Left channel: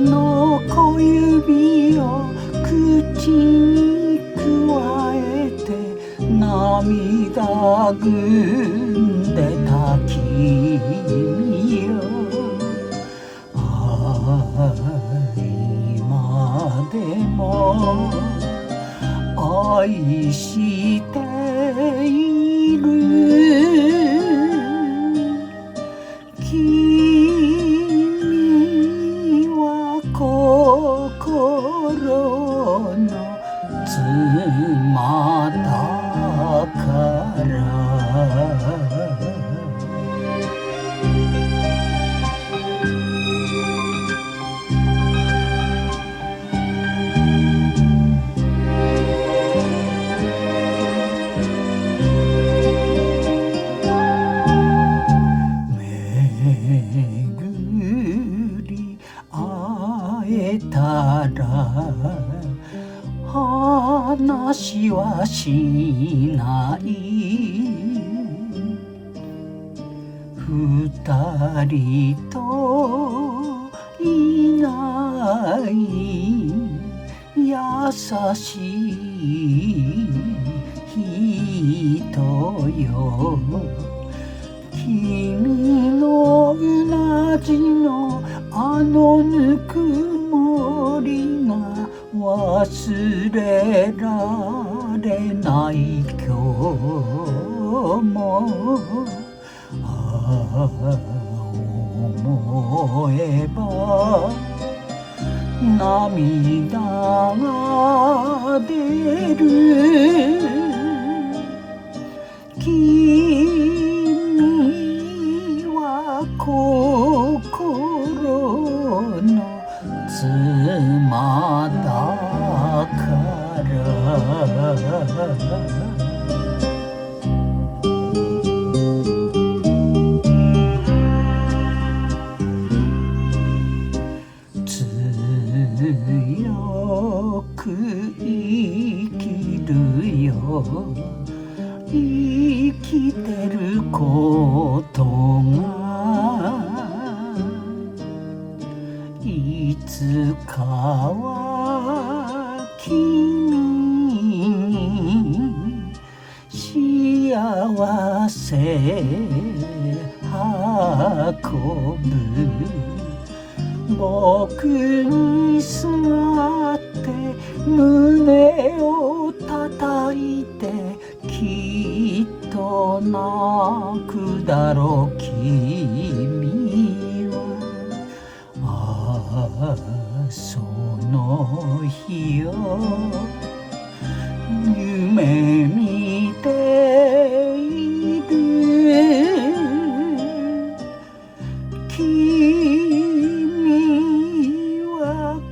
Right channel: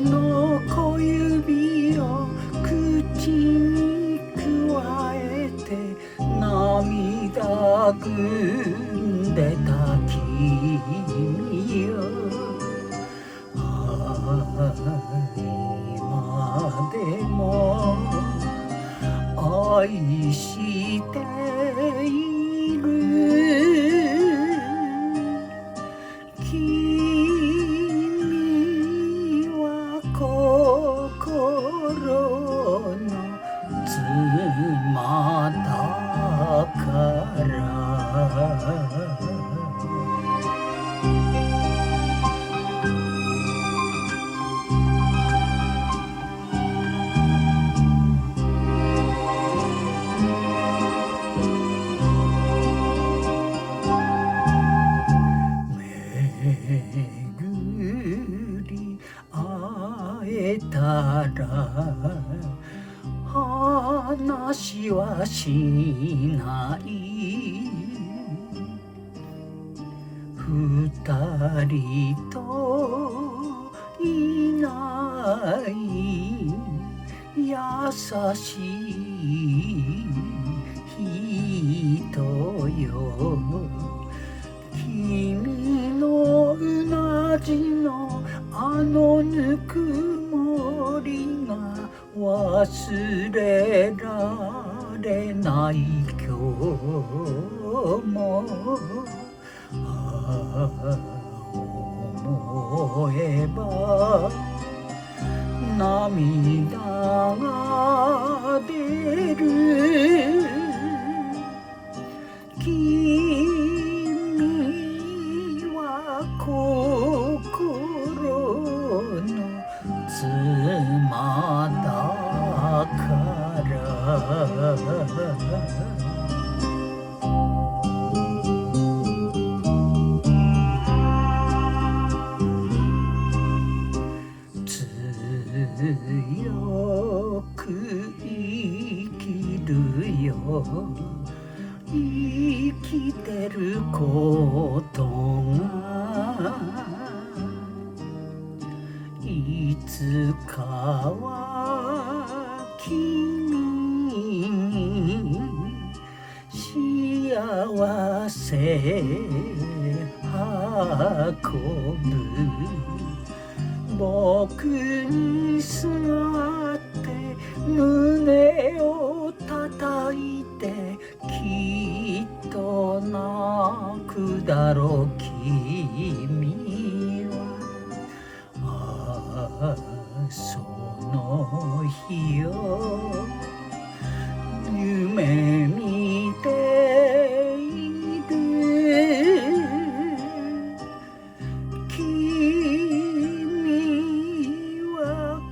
の小指を口にくわえて涙ぐんでた君よ、今でも愛している。君は心の妻だから会えたら話はしない二人といない優しい人よ、君のうなじのあのぬくもりが忘れられない今日も、思えば涙が出る。君は心の妻だから強く生きるよ、生きてることがいつかは君に幸せ運ぶ。僕にすがって胸を叩いてきっと泣くだろう君は。その日を夢見ている。君は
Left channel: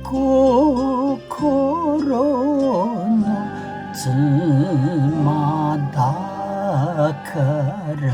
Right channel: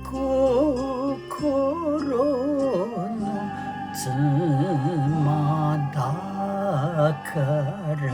心の妻だから